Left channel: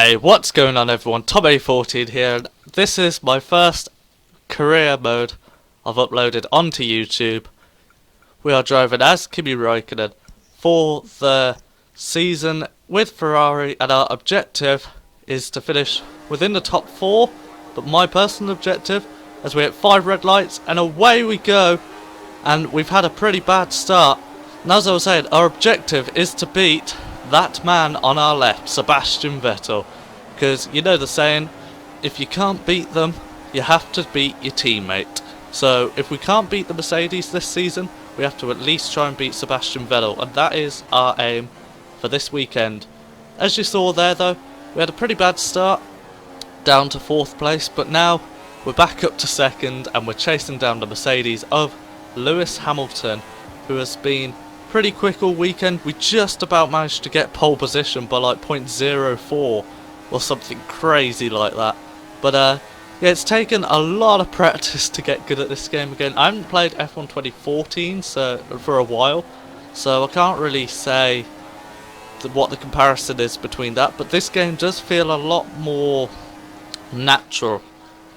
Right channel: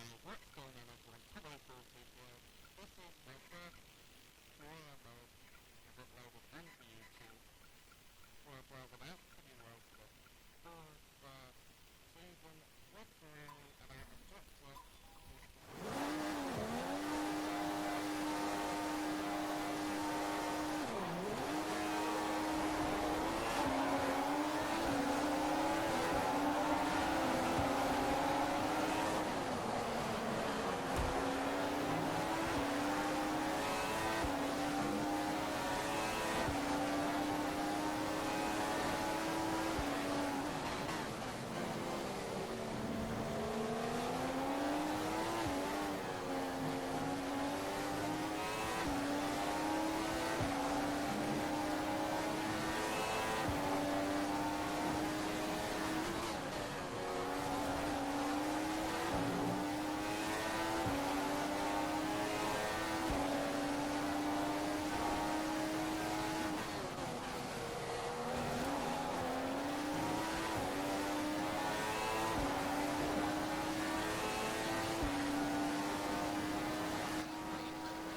Hey, what's going on everyone? Tom14 here, and this is my first career mode I've uploaded onto YouTube. We are driving as Kimi Raikkonen for the season with Ferrari, and our objective is to finish within the top 4, but my personal objective, as we hit 5 red lights, and away we go. And we've had a pretty bad start, and as I was saying, our objective is to beat that man on our left, Sebastian Vettel, because you know the saying, if you can't beat them, you have to beat your teammate. So if we can't beat the Mercedes this season, we have to at least try and beat Sebastian Vettel, and that is our aim for this weekend. As you saw there though, we had a pretty bad start, down to 4th place, but now we're back up to 2nd, and we're chasing down the Mercedes of Lewis Hamilton, who has been pretty quick all weekend. We just about managed to get pole position by like 0.04 or something crazy like that. But yeah, it's taken a lot of practice to get good at this game again. I haven't played F1 2014 for a while, so I can't really say what the comparison is between that, but this game does feel a lot more natural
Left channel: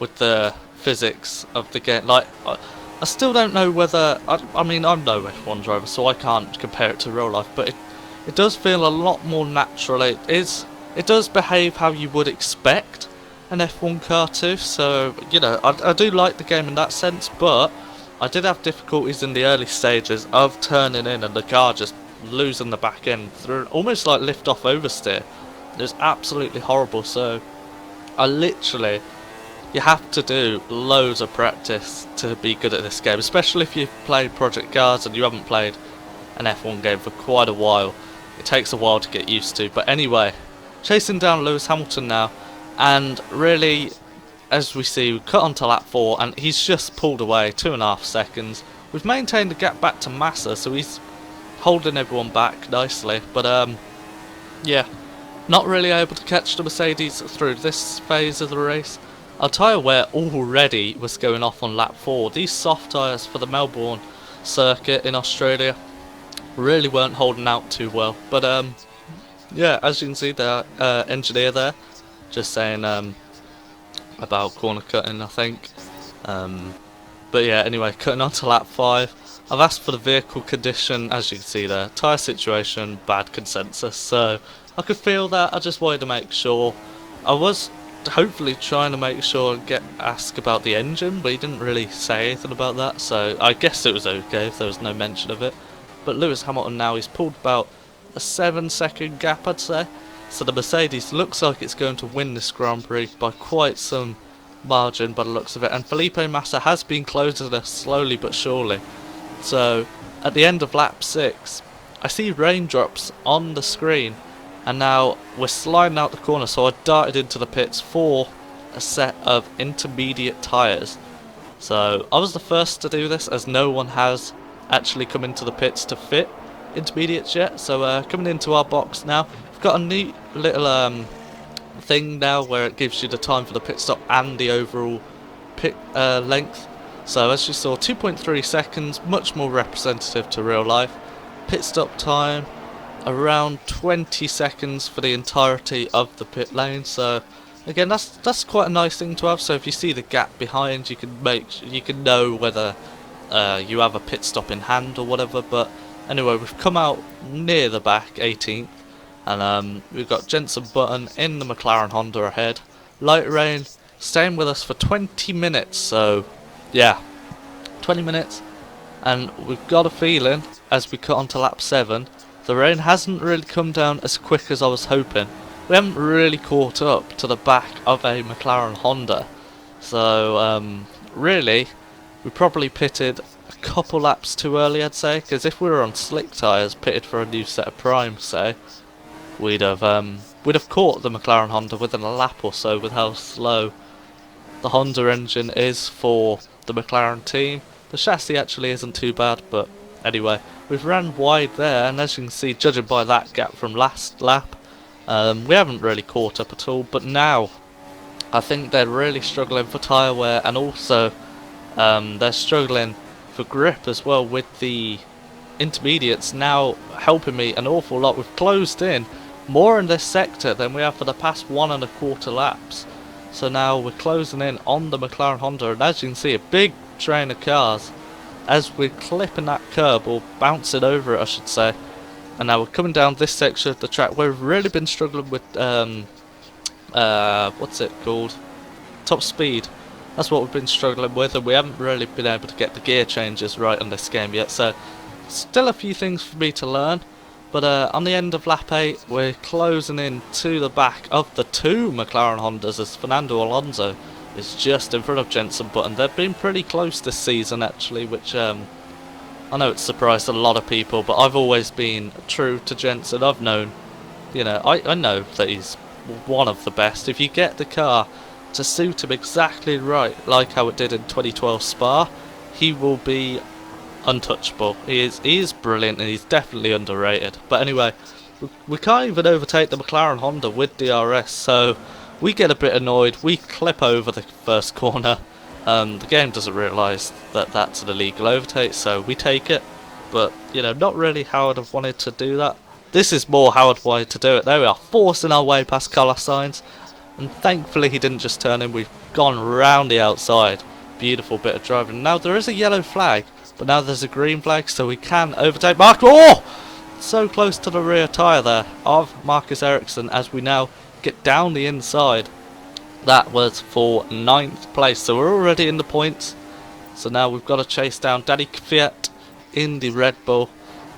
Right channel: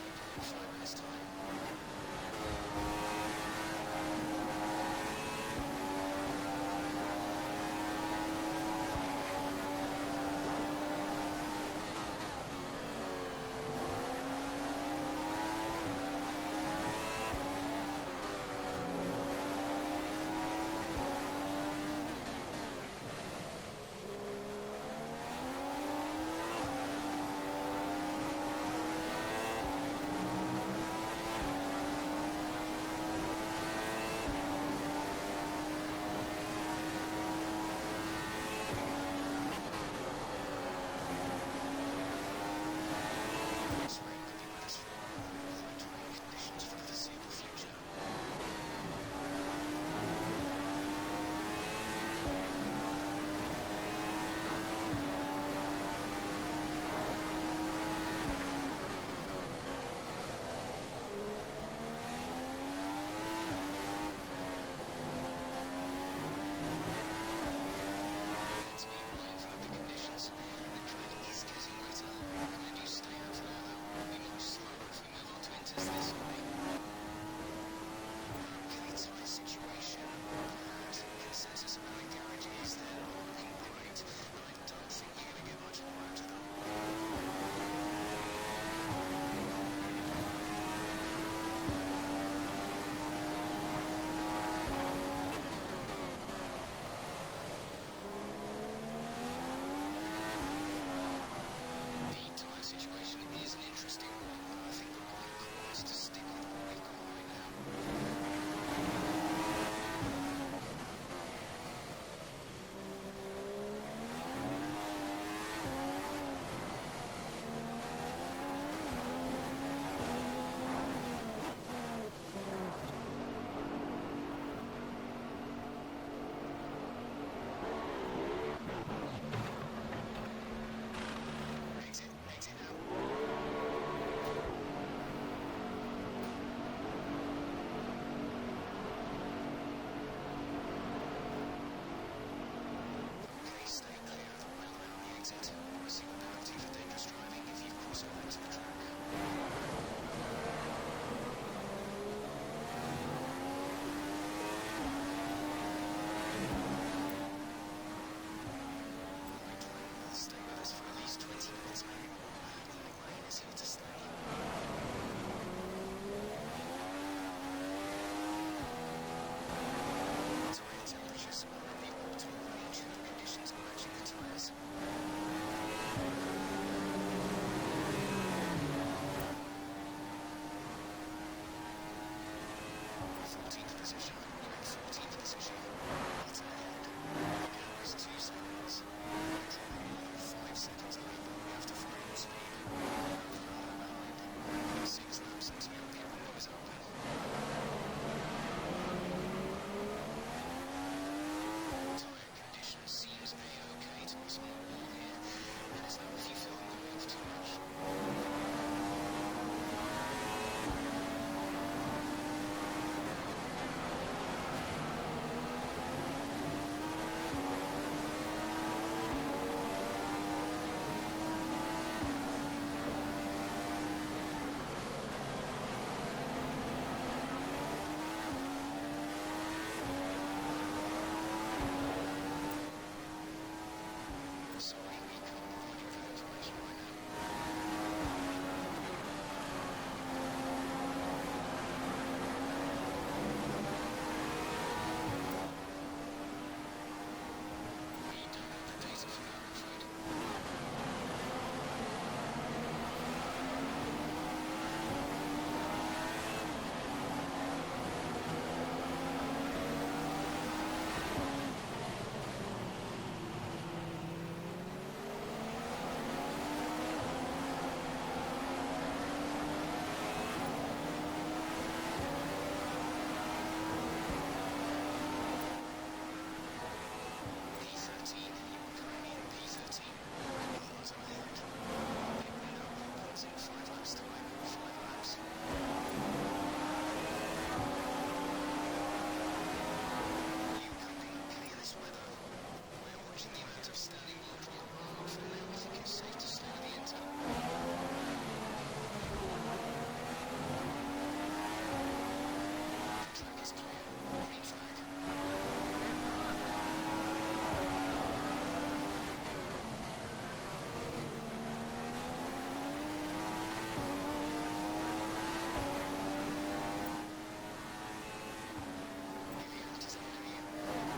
with the physics of the game. Like, I still don't know whether, I mean, I'm no F1 driver, so I can't compare it to real life, but it does feel a lot more natural. It does behave how you would expect an F1 car to, so, you know, I do like the game in that sense, but I did have difficulties in the early stages of turning in and the car just losing the back end through, almost like lift-off oversteer. It was absolutely horrible, so I literally, you have to do loads of practice to be good at this game, especially if you've played Project Cars and you haven't played an F1 game for quite a while. It takes a while to get used to. But anyway, chasing down Lewis Hamilton now, and really, as we see, we cut onto lap 4, and he's just pulled away 2.5 seconds. We've maintained the gap back to Massa, so he's holding everyone back nicely. But yeah, not really able to catch the Mercedes through this phase of the race. Our tyre wear already was going off on lap 4. These soft tyres for the Melbourne circuit in Australia really weren't holding out too well. But yeah, as you can see, the engineer there just saying about corner cutting, I think. But yeah, anyway, cutting on to lap 5. I've asked for the vehicle condition, as you can see there. Tyre situation, bad consensus. So I could feel that. I just wanted to make sure. I was hopefully trying to make sure and ask about the engine, but he didn't really say anything about that, so I guess it was okay if there was no mention of it. But Lewis Hamilton now, he's pulled about a 7-second gap, I'd say, so the Mercedes looks like it's going to win this Grand Prix by quite some margin by the looks of it, and Felipe Massa has been closing us slowly but surely. So at the end of lap 6, I see raindrops on the screen, and now we're sliding out the corner, so I darted into the pits for a set of intermediate tyres. So I was the first to do this, as no one has actually come into the pits to fit intermediates yet. So coming into our box now, we've got a neat little thing now where it gives you the time for the pit stop and the overall pit length. So as you saw, 2.3 seconds, much more representative to real life. Pit stop time around 20 seconds for the entirety of the pit lane, so again that's quite a nice thing to have. So if you see the gap behind, you can know whether you have a pit stop in hand or whatever. But anyway, we've come out near the back, 18th, and we've got Jenson Button in the McLaren Honda ahead. Light rain staying with us for 20 minutes, so yeah, 20 minutes, and we've got a feeling as we cut onto lap 7, the rain hasn't really come down as quick as I was hoping. We haven't really caught up to the back of a McLaren Honda. So, really, we probably pitted a couple laps too early, I'd say. Because if we were on slick tyres, pitted for a new set of primes, say, we'd have caught the McLaren Honda within a lap or so with how slow the Honda engine is for the McLaren team. The chassis actually isn't too bad, but anyway, we've ran wide there, and as you can see, judging by that gap from last lap, we haven't really caught up at all. But now, I think they're really struggling for tyre wear, and also they're struggling for grip as well, with the intermediates now helping me an awful lot. We've closed in more in this sector than we have for the past 1.25 laps. So now we're closing in on the McLaren Honda, and as you can see, a big train of cars as we're clipping that curb, or bouncing over it I should say. And now we're coming down this section of the track where we've really been struggling with what's it called? Top speed. That's what we've been struggling with, and we haven't really been able to get the gear changes right on this game yet, so still a few things for me to learn. But on the end of lap 8, we're closing in to the back of the two McLaren Hondas as Fernando Alonso is just in front of Jenson Button. They've been pretty close this season actually, which I know it's surprised a lot of people, but I've always been true to Jenson. I've known, you know, I know that he's one of the best. If you get the car to suit him exactly right, like how it did in 2012 Spa, he will be untouchable. He is brilliant, and he's definitely underrated. But anyway, we can't even overtake the McLaren Honda with DRS, so we get a bit annoyed. We clip over the first corner. The game doesn't realise that that's an illegal overtake, so we take it. But, you know, not really how I'd have wanted to do that. This is more how I'd wanted to do it. There we are, forcing our way past Carlos Sainz. And thankfully he didn't just turn in, we've gone round the outside. Beautiful bit of driving. Now there is a yellow flag, but now there's a green flag, so we can overtake Mark. Oh! So close to the rear tyre there of Marcus Ericsson as we now get down the inside. That was for 9th place, so we're already in the points. So now we've got to chase down Danny Kvyat in the Red Bull,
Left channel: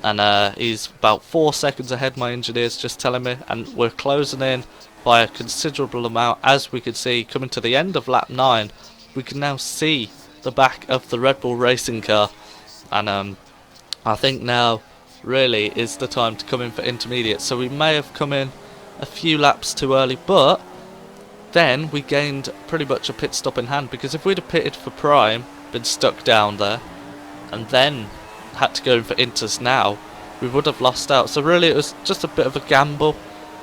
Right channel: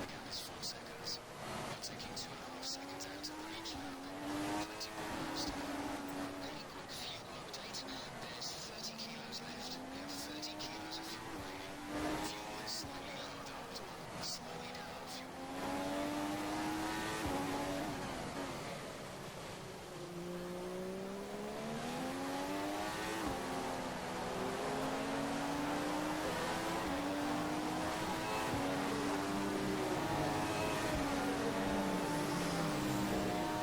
and he's about 4 seconds ahead, my engineer's just telling me, and we're closing in by a considerable amount. As we can see, coming to the end of lap 9, we can now see the back of the Red Bull racing car, and I think now really is the time to come in for intermediate. So we may have come in a few laps too early, but then we gained pretty much a pit stop in hand, because if we'd have pitted for prime, been stuck down there, and then had to go for inters now, we would have lost out. So really it was just a bit of a gamble,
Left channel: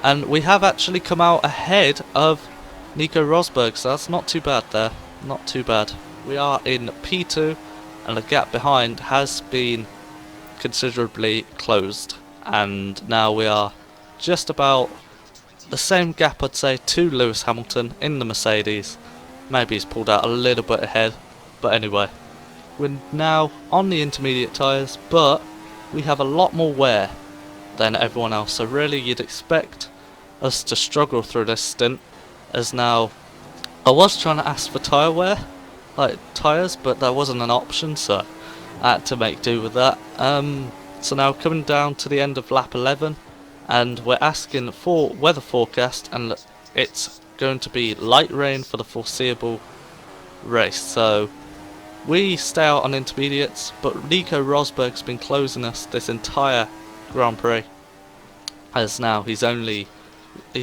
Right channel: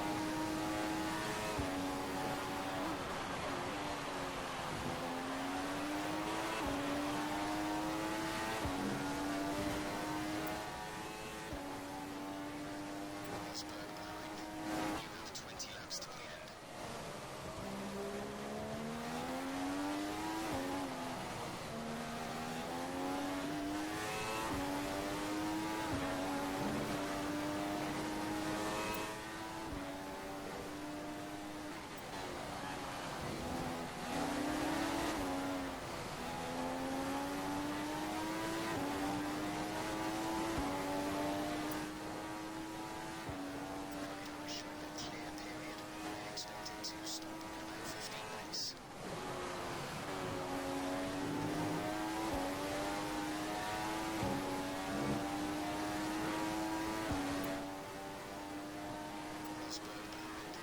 and we have actually come out ahead of Nico Rosberg, so that's not too bad there, not too bad. We are in P2, and the gap behind has been considerably closed, and now we are just about the same gap, I'd say, to Lewis Hamilton in the Mercedes. Maybe he's pulled out a little bit ahead, but anyway, we're now on the intermediate tyres, but we have a lot more wear than everyone else, so really you'd expect us to struggle through this stint, as now I was trying to ask for tyre wear, like tyres, but there wasn't an option, so I had to make do with that. So now coming down to the end of lap 11, and we're asking for weather forecast, and it's going to be light rain for the foreseeable race. So we stay out on intermediates, but Nico Rosberg's been closing us this entire Grand Prix, as now he's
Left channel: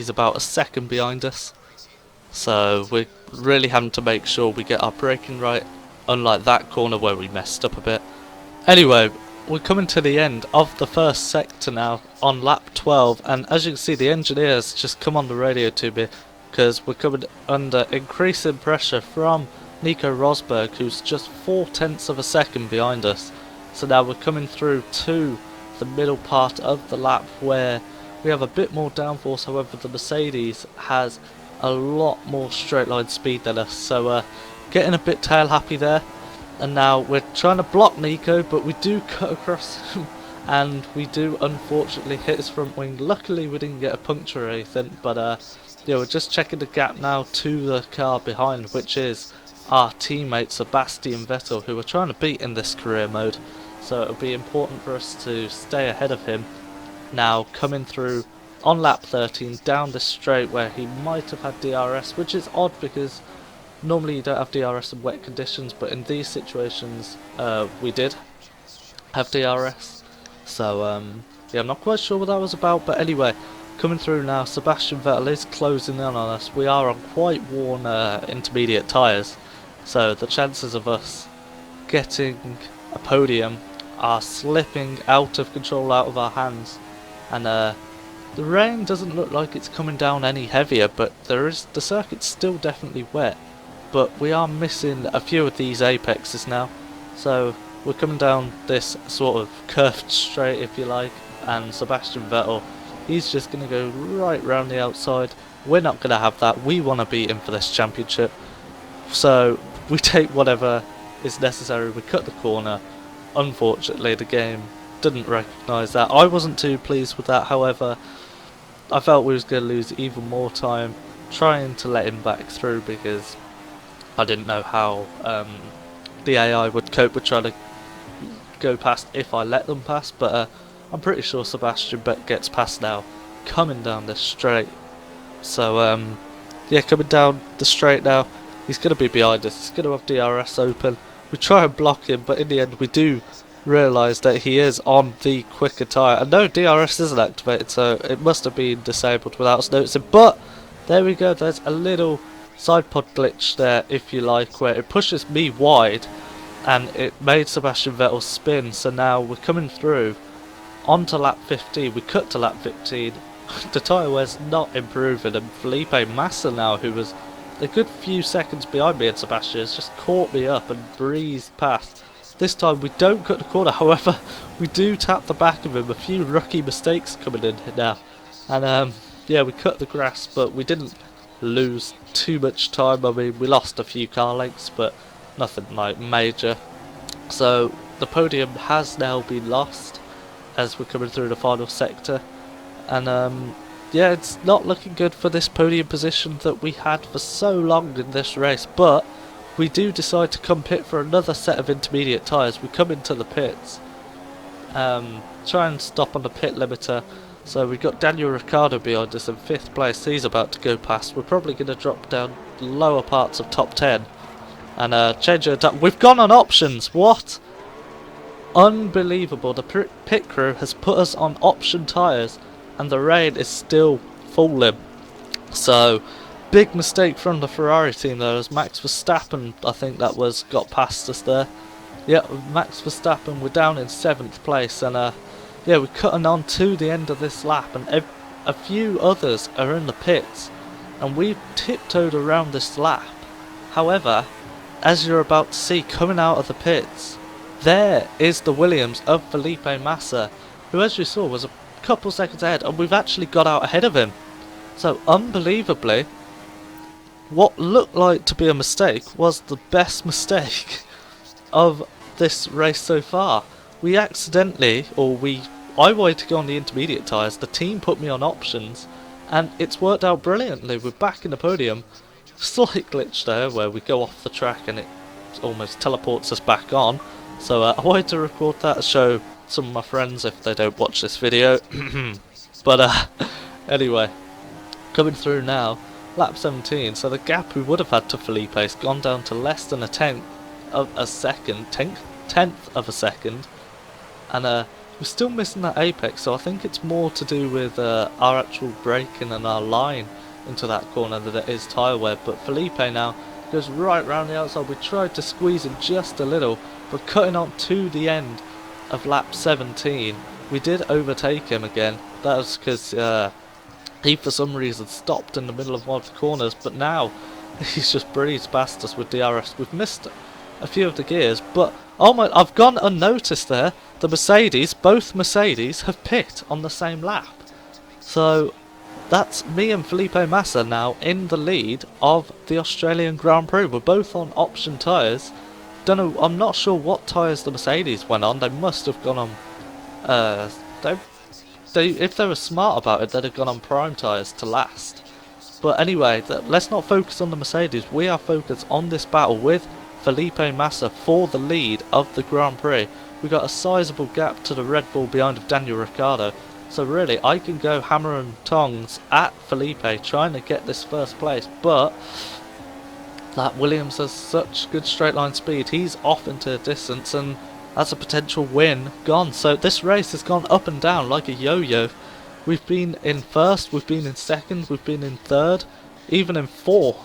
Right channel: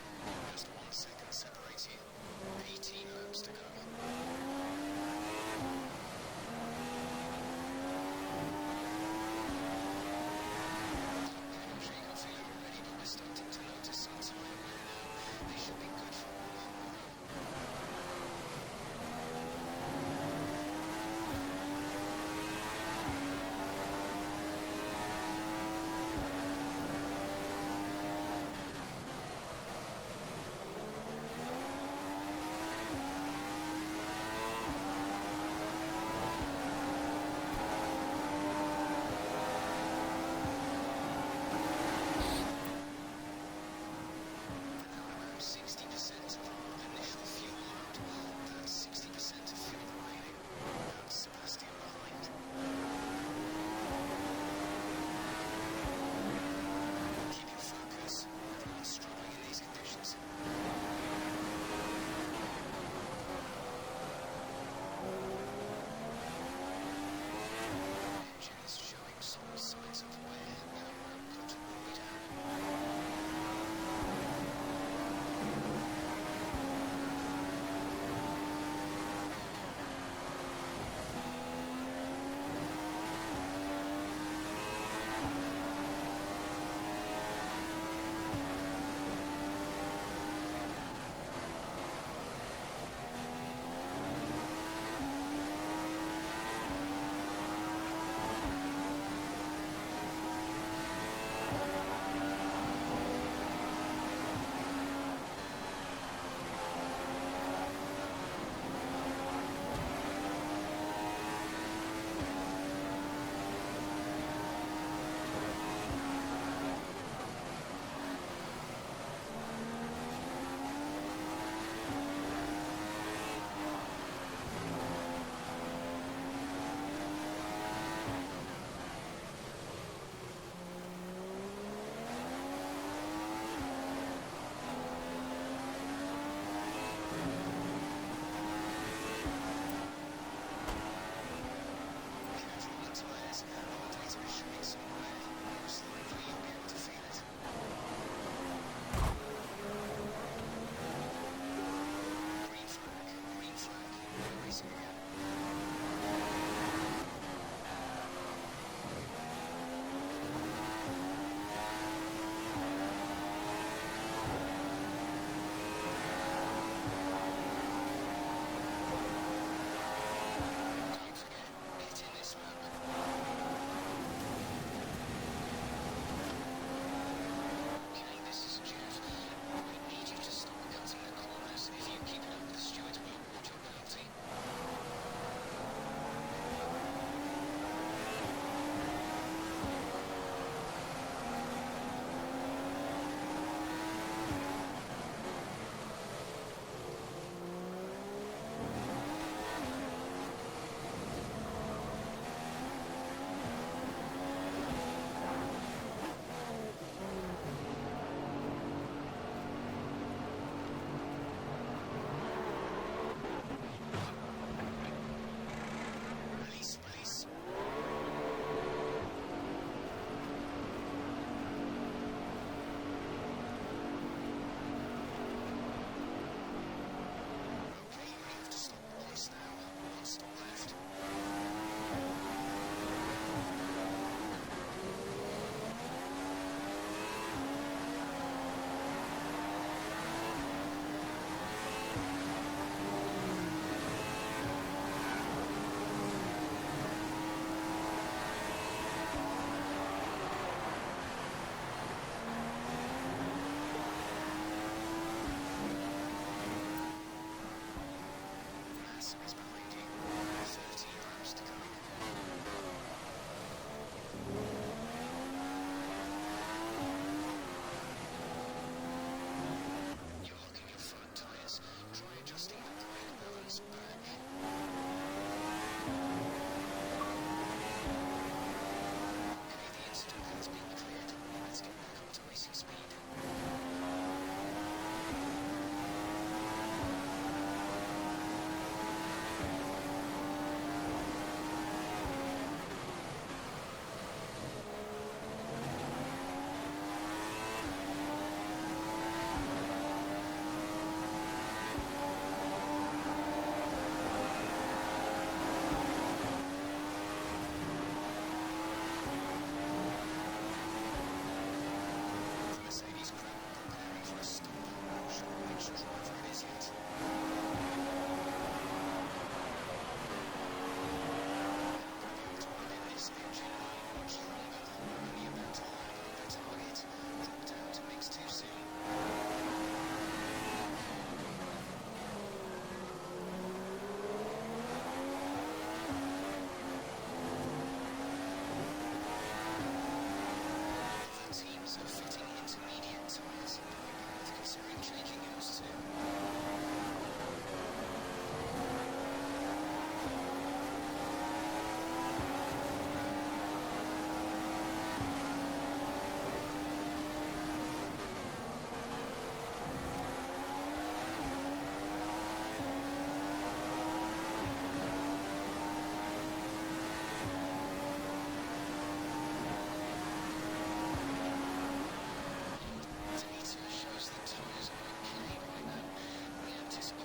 about a second behind us. So we're really having to make sure we get our braking right, unlike that corner where we messed up a bit. Anyway, we're coming to the end of the first sector now on lap 12, and as you can see, the engineers just come on the radio to me, because we're coming under increasing pressure from Nico Rosberg, who's just 0.4 of a second behind us. So now we're coming through to the middle part of the lap where we have a bit more downforce. However, the Mercedes has a lot more straight line speed than us, so getting a bit tail happy there. And now we're trying to block Nico, but we do cut across and we do unfortunately hit his front wing. Luckily we didn't get a puncture or anything, but yeah, we're just checking the gap now to the car behind, which is our teammate Sebastian Vettel, who we're trying to beat in this career mode. So it'll be important for us to stay ahead of him. Now coming through on lap 13 down the straight where he might have had DRS, which is odd because normally you don't have DRS in wet conditions, but in these situations we did have DRS. So yeah, I'm not quite sure what that was about, but anyway, coming through now, Sebastian Vettel is closing in on us. We are on quite worn intermediate tyres, so the chances of us getting a podium are slipping out of control, out of our hands. And the rain doesn't look like it's coming down any heavier, but the circuit's still definitely wet. But we are missing a few of these apexes now, so we're coming down this sort of curved straight, if you like, and Sebastian Vettel He's just going to go right round the outside. We're not going to have that. We want to beat him for this championship. So we take whatever is necessary. We cut the corner. Unfortunately, the game didn't recognise that. I wasn't too pleased with that, however. I felt we was going to lose even more time trying to let him back through because I didn't know how the AI would cope with trying to go past if I let them pass, but I'm pretty sure Sebastian Vettel gets past now, coming down this straight. So yeah, coming down the straight now, he's going to be behind us, he's going to have DRS open. We try and block him, but in the end we do realise that he is on the quicker tyre. And no, DRS isn't activated, so it must have been disabled without us noticing. But there we go, there's a little side pod glitch there, if you like, where it pushes me wide and it made Sebastian Vettel spin. So now we're coming through onto lap 15, we cut to lap 15. The tyre wear's not improving, and Felipe Massa now, who was a good few seconds behind me and Sebastian, has just caught me up and breezed past. This time we don't cut the corner, however we do tap the back of him. A few rookie mistakes coming in now, and yeah, we cut the grass, but we didn't lose too much time. I mean, we lost a few car lengths, but nothing like major. So the podium has now been lost as we're coming through the final sector, and yeah, it's not looking good for this podium position that we had for so long in this race. But we do decide to come pit for another set of intermediate tyres. We come into the pits, try and stop on the pit limiter. So we've got Daniel Ricciardo behind us in 5th place. He's about to go past. We're probably going to drop down lower parts of top 10 and change it up. We've gone on options. What? Unbelievable. The pit crew has put us on option tyres and the rain is still falling. So big mistake from the Ferrari team there, as Max Verstappen, I think that was, got past us there. Yeah, Max Verstappen, we're down in 7th place, and yeah, we're cutting on to the end of this lap, and a few others are in the pits, and we've tiptoed around this lap. However, as you're about to see coming out of the pits, there is the Williams of Felipe Massa, who, as you saw, was a couple seconds ahead, and we've actually got out ahead of him. So unbelievably, what looked like to be a mistake was the best mistake of this race so far. We accidentally, I wanted to go on the intermediate tyres, the team put me on options, and it's worked out brilliantly. We're back in the podium. Slight glitch there where we go off the track and it almost teleports us back on. So I wanted to record that to show some of my friends if they don't watch this video. But anyway, coming through now, lap 17, so the gap we would have had to Felipe has gone down to less than a tenth of a second, and we're still missing that apex, so I think it's more to do with our actual braking and our line into that corner than it is tyre wear. But Felipe now goes right round the outside. We tried to squeeze him just a little, but cutting on to the end of lap 17, we did overtake him again. That was because he for some reason stopped in the middle of one of the corners, but now he's just breezed past us with DRS. We've missed a few of the gears, but oh my, I've gone unnoticed there. The Mercedes, both Mercedes, have pit on the same lap. So that's me and Felipe Massa now in the lead of the Australian Grand Prix. We're both on option tyres. Don't know, I'm not sure what tyres the Mercedes went on. They must have gone on if they were smart about it, they'd have gone on prime tyres to last. But anyway, let's not focus on the Mercedes. We are focused on this battle with Felipe Massa for the lead of the Grand Prix. We've got a sizable gap to the Red Bull behind of Daniel Ricciardo. So really, I can go hammer and tongs at Felipe trying to get this first place. But that Williams has such good straight line speed. He's off into the distance, and that's a potential win gone. So this race has gone up and down like a yo-yo. We've been in first, we've been in second, we've been in third, even in fourth.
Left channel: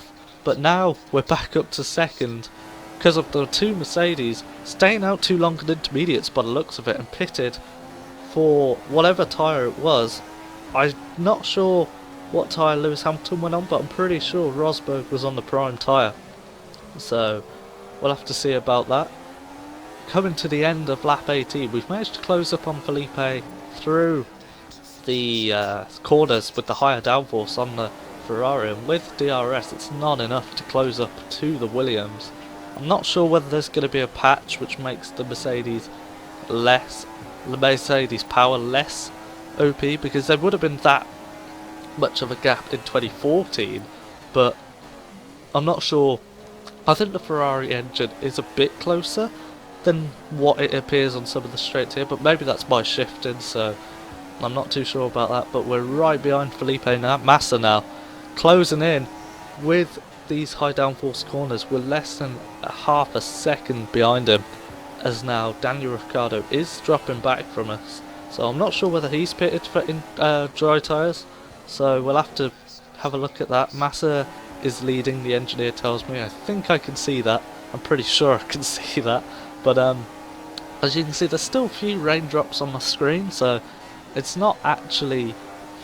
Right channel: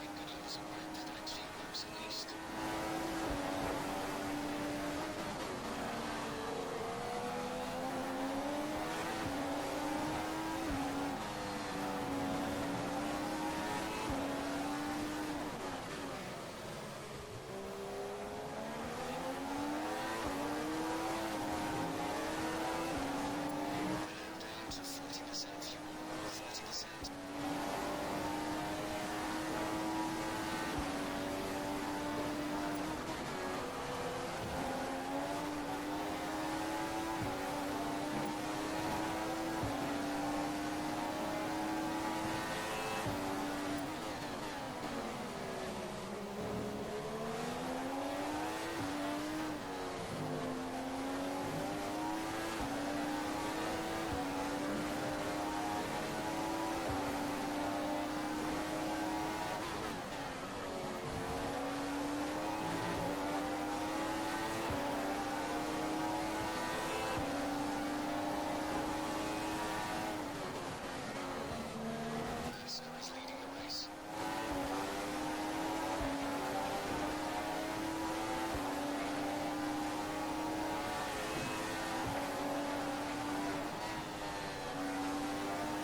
But now we're back up to second because of the two Mercedes staying out too long at intermediates by the looks of it and pitted for whatever tyre it was. I'm not sure what tyre Lewis Hamilton went on, but I'm pretty sure Rosberg was on the prime tyre. So we'll have to see about that. Coming to the end of lap 18, we've managed to close up on Felipe through the corners with the higher downforce on the Ferrari, and with DRS it's not enough to close up to the Williams. I'm not sure whether there's going to be a patch which makes the Mercedes power less OP, because there would have been that much of a gap in 2014, but I'm not sure. I think the Ferrari engine is a bit closer than what it appears on some of the straights here, but maybe that's by shifting, so I'm not too sure about that. But we're right behind Felipe Massa now, closing in with these high downforce corners. We're less than half a second behind him, as now Daniel Ricciardo is dropping back from us. So I'm not sure whether he's pitted for dry tyres, so we'll have to have a look at that. Massa is leading, the engineer tells me. I think I can see that. I'm pretty sure I can see that. But as you can see, there's still a few raindrops on my screen, so it's not actually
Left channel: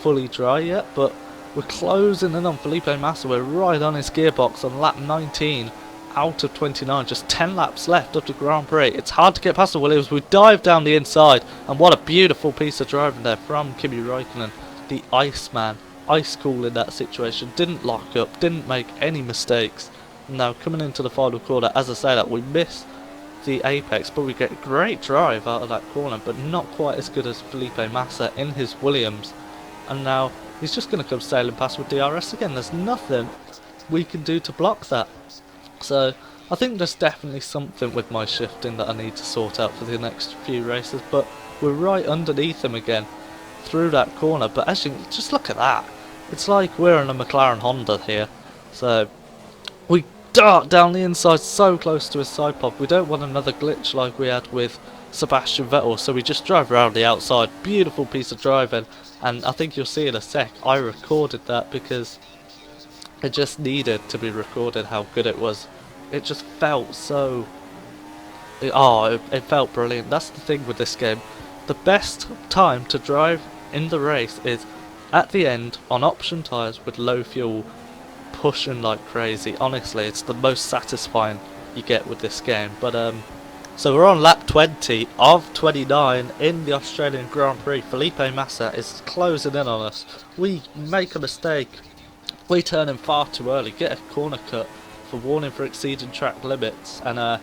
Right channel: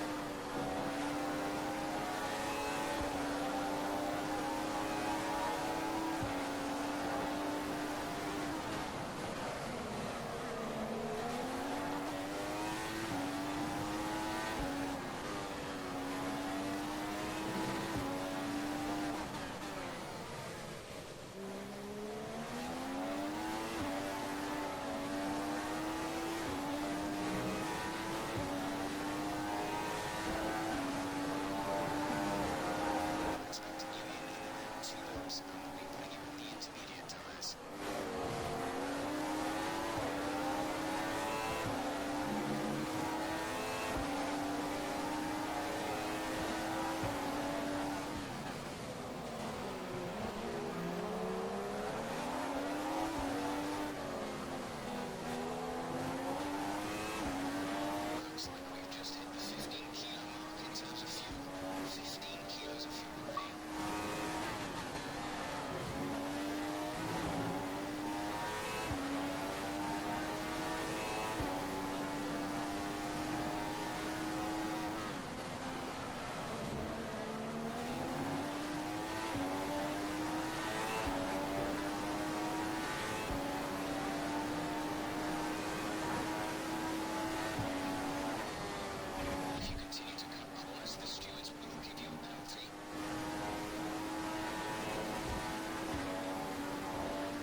fully dry yet, but we're closing in on Felipe Massa. We're right on his gearbox on lap 19 out of 29, just 10 laps left of the Grand Prix. It's hard to get past the Williams. We dive down the inside, and what a beautiful piece of driving there from Kimi Raikkonen, the Iceman. Ice cool in that situation, didn't lock up, didn't make any mistakes. Now coming into the final corner, as I say that, we missed the apex, but we get a great drive out of that corner, but not quite as good as Felipe Massa in his Williams. And now he's just going to come sailing past with DRS again. There's nothing we can do to block that. So I think there's definitely something with my shifting that I need to sort out for the next few races, but we're right underneath him again through that corner. But as you just look at that, it's like we're in a McLaren Honda here. So we dart down the inside so close to his side pod. We don't want another glitch like we had with Sebastian Vettel, so we just drive around the outside. Beautiful piece of driving, and I think you'll see in a sec I recorded that because it just needed to be recorded how good it was. It just felt so... it felt brilliant. That's the thing with this game. The best time to drive in the race is at the end on option tyres with low fuel, pushing like crazy. Honestly, it's the most satisfying you get with this game. But so we're on lap 20 of 29 in the Australian Grand Prix. Felipe Massa is closing in on us. We make a mistake. We turn in far too early, get a corner cut for warning for exceeding track limits, and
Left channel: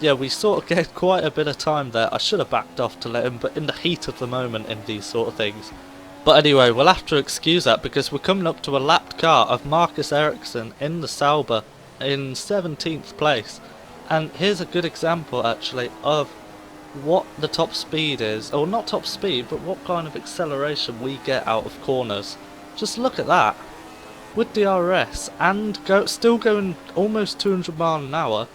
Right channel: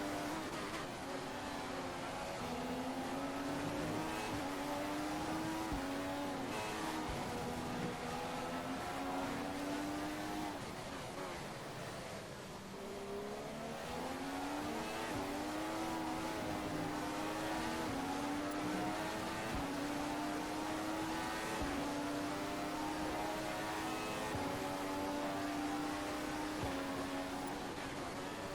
yeah, we sort of get quite a bit of time there. I should have backed off to let him, but in the heat of the moment in these sort of things. But anyway, we'll have to excuse that because we're coming up to a lapped car of Marcus Ericsson in the Sauber in 17th place. And here's a good example actually of what the top speed is, or not top speed, but what kind of acceleration we get out of corners. Just look at that. With DRS and still going almost 200 miles an hour,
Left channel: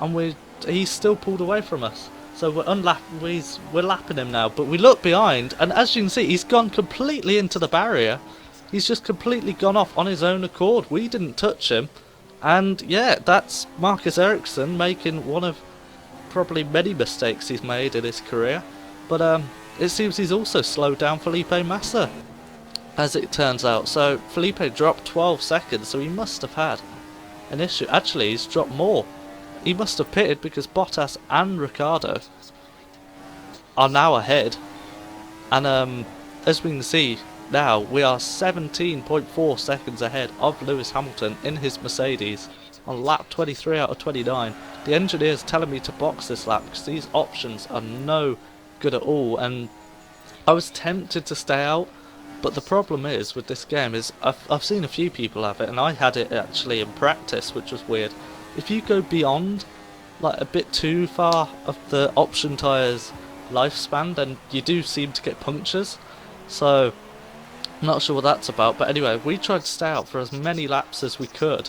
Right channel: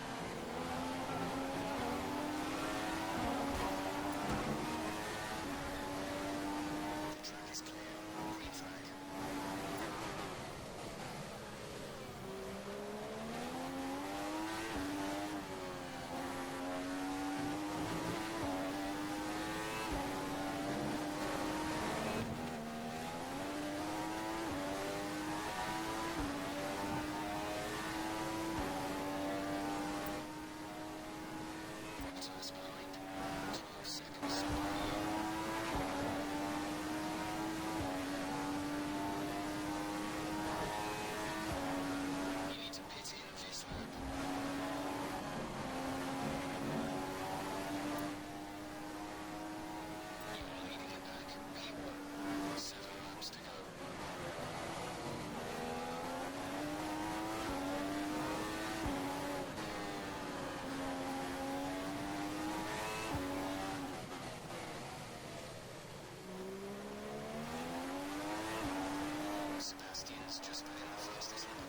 and he's still pulled away from us. So we're lapping him now, but we look behind, and as you can see, he's gone completely into the barrier. He's just completely gone off on his own accord. We didn't touch him, and yeah, that's Marcus Ericsson making one of probably many mistakes he's made in his career. But it seems he's also slowed down Felipe Massa, as it turns out. So Felipe dropped 12 seconds, so he must have had an issue. Actually, he's dropped more. He must have pitted because Bottas and Ricciardo are now ahead. And as we can see now, we are 17.4 seconds ahead of Lewis Hamilton in his Mercedes on lap 23 out of 29. The engineer's telling me to box this lap because these options are no good at all. And I was tempted to stay out, but the problem is with this game is I've seen a few people have it, and I had it actually in practice, which was weird. If you go beyond, like a bit too far of the option tyres lifespan, then you do seem to get punctures. So, I'm not sure what that's about, but anyway, we tried to stay out for as many laps as we could,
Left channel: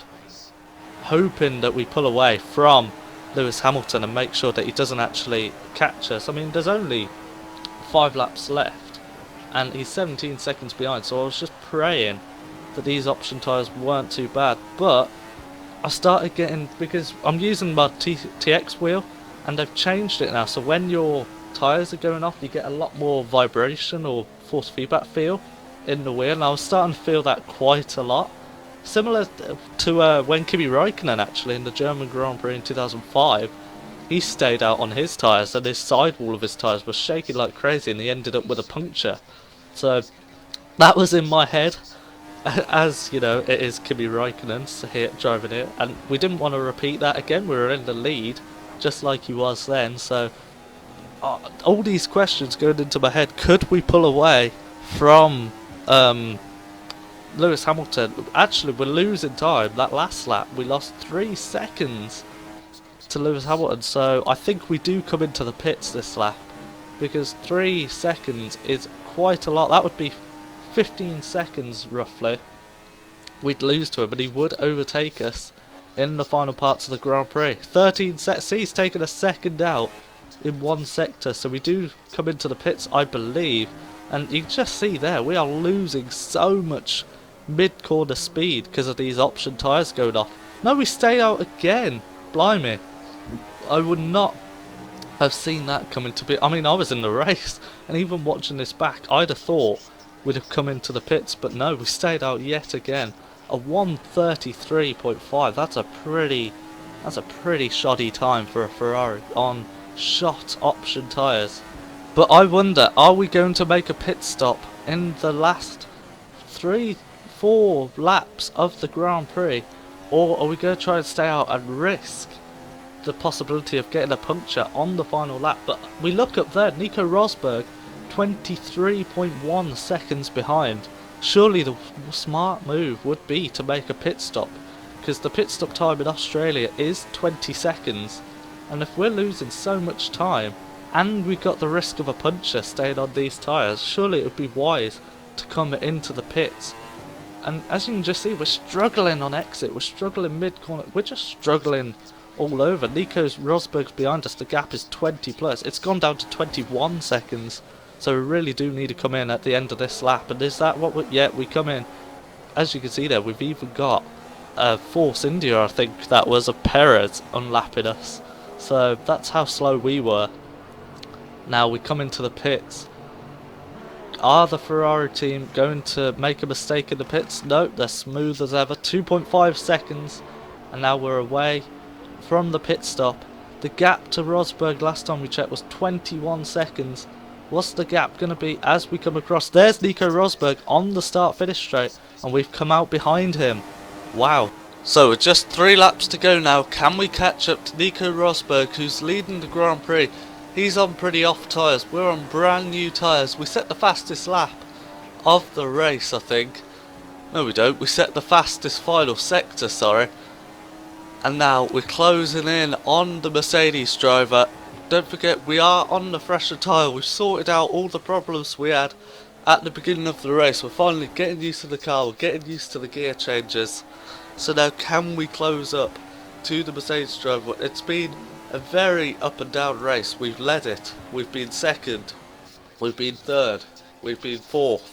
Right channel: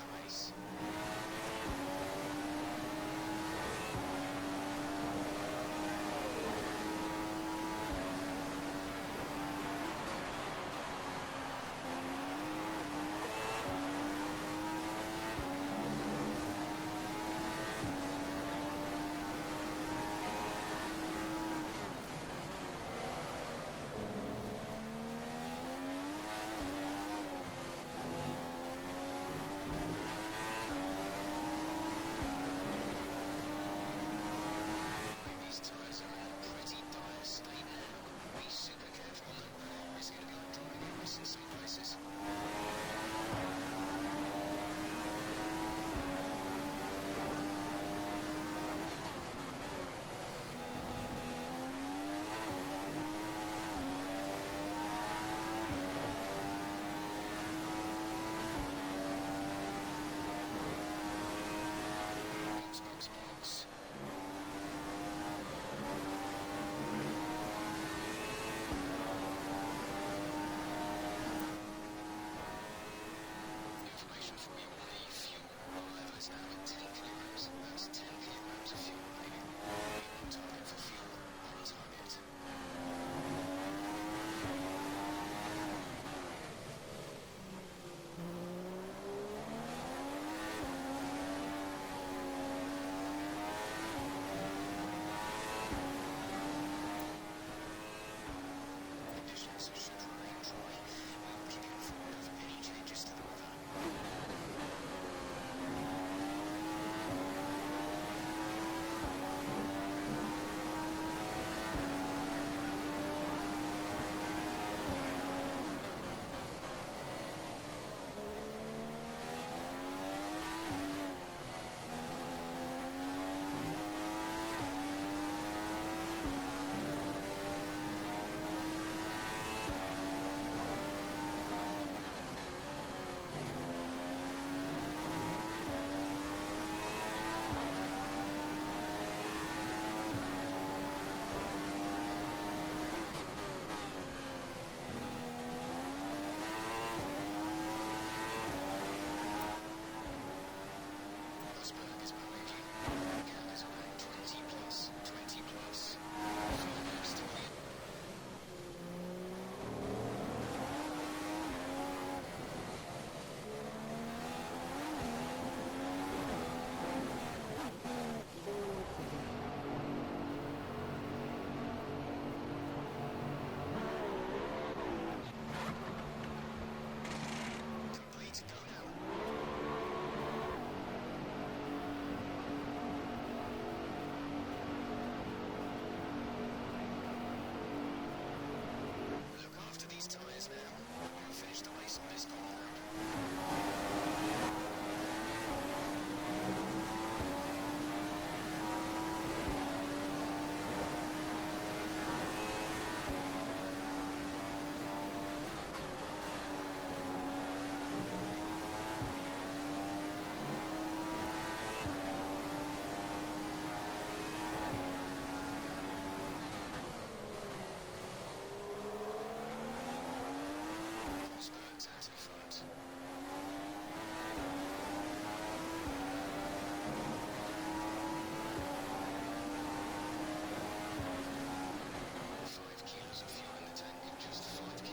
hoping that we pull away from Lewis Hamilton and make sure that he doesn't actually catch us. I mean, there's only 5 laps left, and he's 17 seconds behind, so I was just praying that these option tyres weren't too bad, but I started getting, because I'm using my TX wheel and they've changed it now, so when your tyres are going off you get a lot more vibration or force feedback feel in the wheel, and I was starting to feel that quite a lot. Similar to when Kimi Raikkonen actually in the German Grand Prix in 2005, he stayed out on his tyres and his sidewall of his tyres was shaking like crazy and he ended up with a puncture. So That was in my head. As you know, it is Kimi Raikkonen here driving it, and we didn't want to repeat that again. We were in the lead, just like he was then. So all these questions going into my head: could we pull away from Lewis Hamilton? Actually, we're losing time. That last lap, we lost 3 seconds to Lewis Hamilton. So I think we do come into the pits this lap, because 3 seconds is quite a lot. That would be 15 seconds roughly we'd lose to him, but he would overtake us in the final parts of the Grand Prix. 13 seconds. See, he's taken a second out in one sector, so we do come into the pits, I believe, and you can just see there we are losing so much mid-corner speed because of these option tyres going off. No, we stay out again. Blimey, I would not have seen that coming to be. I mean, I was in the race, and even watching this back, I'd have thought we'd have come into the pits, but no, we stayed out yet again. A 1:33.5. That's a pretty shoddy time for a Ferrari on shot option tyres. But I wonder, are we going to make a pit stop in the last 3-4 laps of the Grand Prix, or are we going to try and stay out and risk the possibility of getting a puncture on the final lap? But we look up there, Nico Rosberg 23.1 seconds behind. Surely the smart move would be to make a pit stop, because the pit stop time in Australia is 20 seconds, and if we're losing so much time and we've got the risk of a puncture staying on these tyres, surely it would be wise to come into the pits. And as you can just see, we're struggling on exit, we're struggling mid-corner, we're just struggling all over. Nico Rosberg's behind us, the gap is 20 plus, it's gone down to 21 seconds. So we really do need to come in at the end of this lap. And is that what we come in. As you can see there, we've even got Force India, I think that was, a Perez unlapping us. So that's how slow we were. Now we come into the pits. Are the Ferrari team going to make a mistake in the pits? No, they're smooth as ever. 2.5 seconds. And now we're away from the pit stop. The gap to Rosberg last time we checked was 21 seconds. What's the gap going to be as we come across? There's Nico Rosberg on the start-finish straight, and we've come out behind him. Wow. So with just 3 laps to go now, can we catch up to Nico Rosberg, who's leading the Grand Prix? He's on pretty off tyres. We're on brand new tyres. We set the fastest lap of the race, I think. No, we don't. We set the fastest final sector, sorry. And now we're closing in on the Mercedes driver. Don't forget, we are on the fresher tyre. We've sorted out all the problems we had at the beginning of the race. We're finally getting used to the car, we're getting used to the gear changes. So now can we close up to the Mercedes driver? It's been a very up and down race. We've led it, we've been second, we've been third, we've been fourth.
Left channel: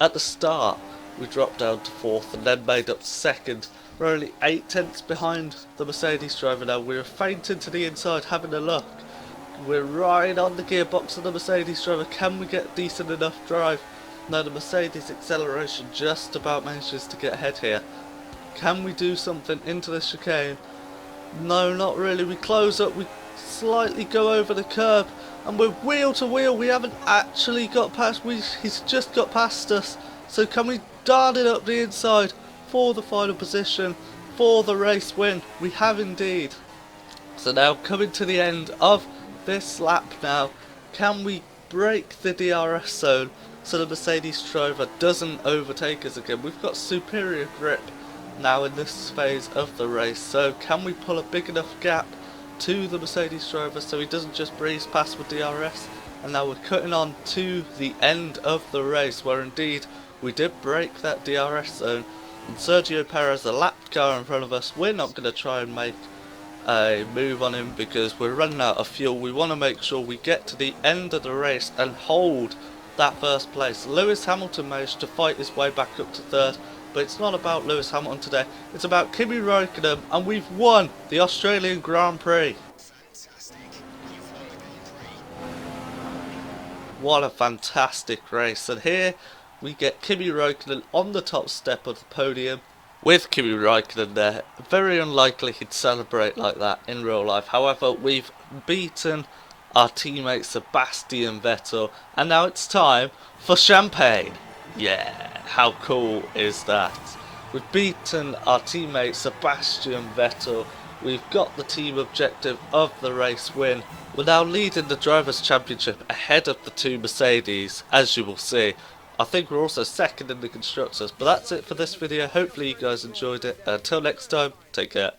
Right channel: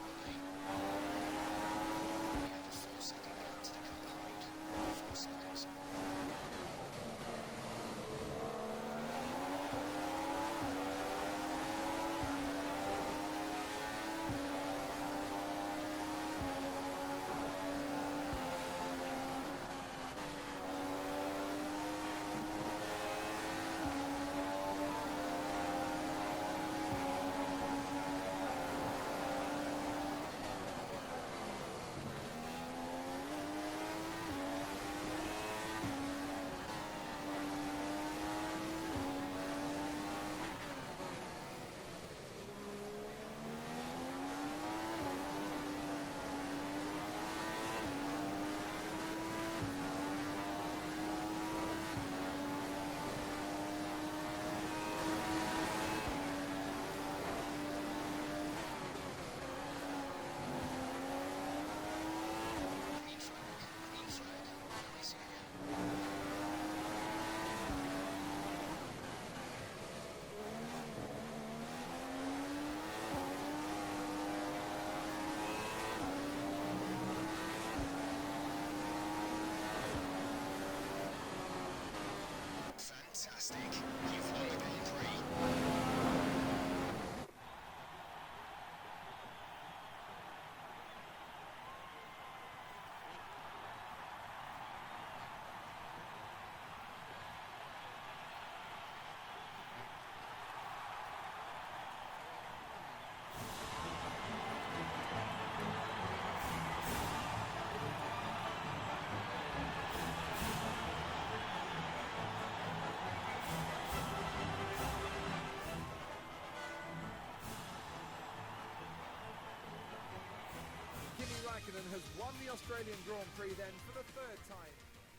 At the start we dropped down to fourth and then made up second. We're only 8 tenths behind the Mercedes driver now. We're fainting to the inside having a look. We're right on the gearbox of the Mercedes driver. Can we get decent enough drive? No, the Mercedes acceleration just about manages to get ahead here. Can we do something into the chicane? No, not really. We close up, we slightly go over the curb, and we're wheel to wheel. We haven't actually got past, he's just got past us. So can we dart it up the inside for the final position, for the race win? We have indeed. So now coming to the end of this lap now, can we break the DRS zone so the Mercedes driver doesn't overtake us again? We've got superior grip now in this phase of the race, so can we pull a big enough gap to the Mercedes driver so he doesn't just breeze past with DRS? And now we're cutting on to the end of the race, where indeed we did break that DRS zone, and Sergio Perez, the lap car in front of us, we're not going to try and make a move on him because we're running out of fuel. We want to make sure we get to the end of the race and hold that first place. Lewis Hamilton managed to fight his way back up to third, but it's not about Lewis Hamilton today, it's about Kimi Raikkonen, and we've won the Australian Grand Prix. Fantastic. You've won the Grand Prix. What a fantastic race, and here we get Kimi Raikkonen on the top step of the podium. With Kimi Raikkonen there, very unlikely he'd celebrate like that in real life. However, we've beaten our teammate Sebastian Vettel, and now it's time for champagne. Yeah, how cool is that? We've beaten our teammate Sebastian Vettel. We've got the team objective of the race win. We're now leading the Drivers' Championship ahead of the two Mercedes, as you will see. I think we're also second in the Constructors, but that's it for this video. Hopefully you guys enjoyed it. Until next time, take care.